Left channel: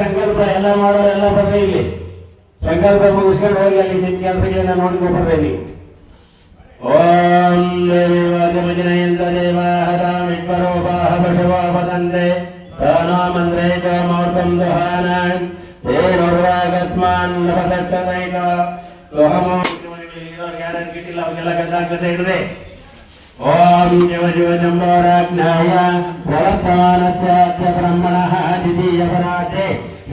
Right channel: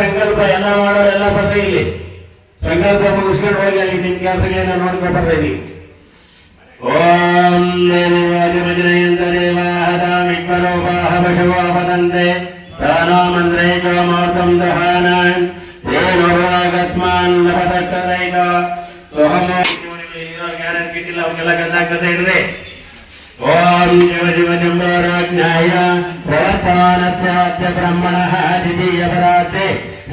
ಸಂಕಲ್ಪ ಎಲ್ಲ ಮಾಡೋ ಎಲ್ಲ ಬರ್ರಿ ಇಲ್ಲಿ. ಸಂಕಲ್ಪ ಮುಗಿಸ್ಕೊಂಡು ಹೋಗಿ ಅಲ್ಲಿ ನಿಮ್ ಕೆಲಸಗಳನ್ನ ನೋಡ್ಕೊಂಡು ಬರ್ರಿ. ಓಂ ದೇವಾಜನಯಂತ ದೇವಾಹದಾಮಿಕ್ವರೋಪಾಹ ಪಶವೋ ವದಂತೆ ತಾನಾಮಂತ್ರೇ ಕಾಮಾರ್ಥಂ ದಹಾನ ಏನೋರ್ವಾಗತ್ಮಾನ್ ಲಭತಕ್ಕನೈಕ ಸೋಹಮೋ ಗ್ಯಾರಂಟಿ ಅವಕ್ಕೆಲ್ಲ ಗಂಧಾಗ್ತದೆ ಇಡ್ರಿ. ಓಂ ಶಿವ ಶಿವ ಜಂಬಾರಾಜ್ಞಾಯ ಪ್ರವರ್ತಾನಸ್ಯಾದ್ಯ ಬ್ರಹ್ಮಣಃ ದ್ವಿತೀಯ ಪರಾತೆ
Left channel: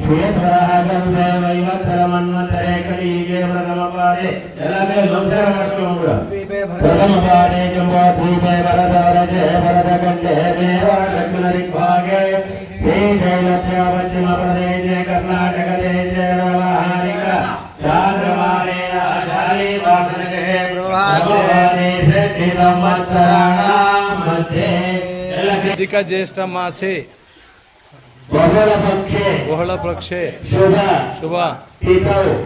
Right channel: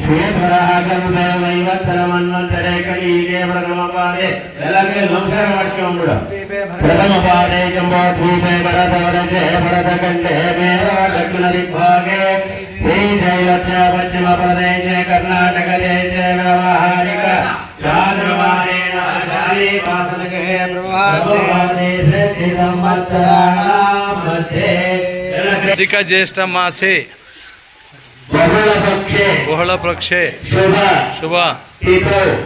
ಶ್ವೇತವರಃ ಖಲು ವೈವತ್ತರ ಮನ್ವಂತರೆ ಕಳೀಗೆ ಪ್ರಥಮಪಾದೆ ಎಲ್ಲ ಕಡೆ ನಮಸ್ಕಾರ ಮಾಡಿಸ್ಕೊಂಡು ಪ್ರಥಮಪಾದೆ ಜಂಬಾದ್ವೀಪೆ ಭರತವರಜೆ ಭರತಖಂಡೆ ಮೇರೋ ದಕ್ಷಿಣ ದಿಗ್ಭಾಗೆ ಶ್ರೀ ಜೈವತ್ಯ ಪಶ್ಚಿಮ ಪ್ರದೇಶೆ ಕರ್ನಾಟಕ ದೇಶೆ ವ್ಯಾವಹಾರಿಕ ಚಾಂದ್ರಮಾನೇನ ಶಾಲಿ ಪಾಠನಗೆ अधिक ज्येष्ठ मासे बहुल पक्षे शुभ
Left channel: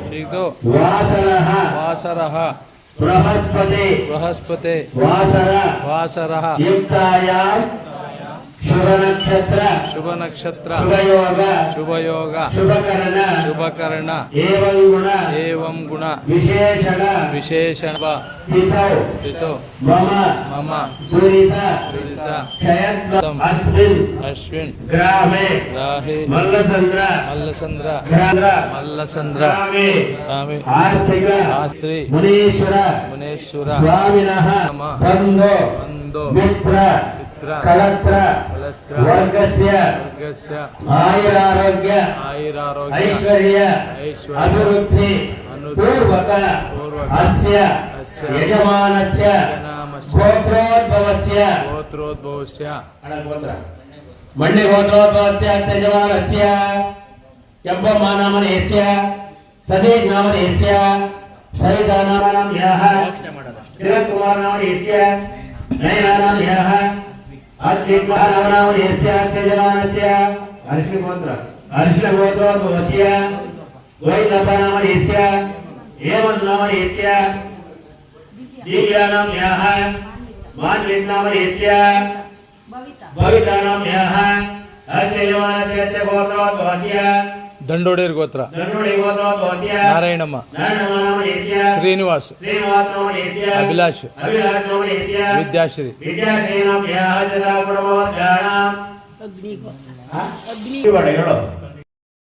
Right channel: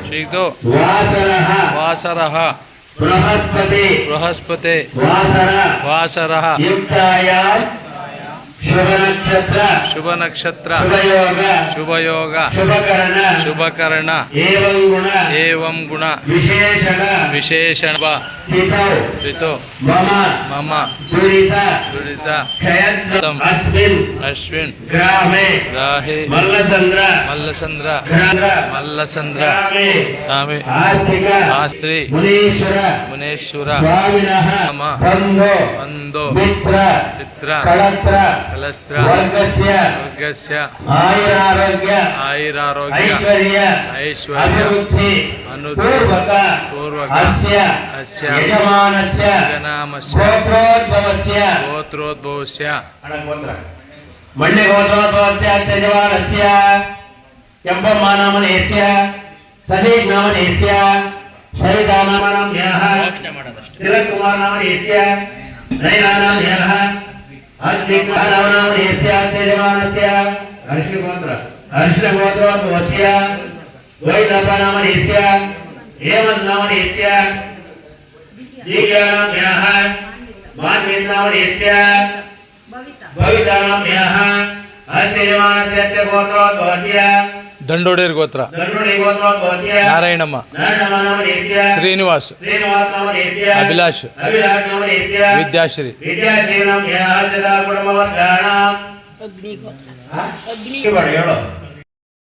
शीतो वासरः बृहस्पते वासरः शुभ नक्षत्र शुभ योग शुभकर्ण एवं गुण विशेषण ऋतो मम दुरित अश्विन राहे मल्लचंद्र तामे आस्त्री मुनेश्वर बंधो चित्र कलस्त्र वर्गस्य आयुरारोग्य ऐश्वर्य पूर्वक अस्य यजमानस्य गोत्रोद्भवस्य मण्य गोत्रोद्भवस्य यजमानस्य यम्बमानामनेस्य सदीनामनेस्य सरितानामनेस्य तिलकुमारनामनेस्य नयनानामनेस्य अग्निकालवनामनेस्य यजमानस्य अर्षिणगोत्रोद्भवस्य वैलभनामनेस्य हेमन्नामनेस्य दीव्यानाम्याः मान्यन्नामनेस्य भवितानाम्याः अस्य यजमानस्य गोत्रोद्भवस्य ದಂಡೋಡೇರ್ ಗೋತ್ರ ನಾರಾಯಣಮ್ಮ ಶ್ರೀನಿವಾಸ್ ಅಭಿಲಾಷ್ ವಿದ್ಯಾಶ್ರೀ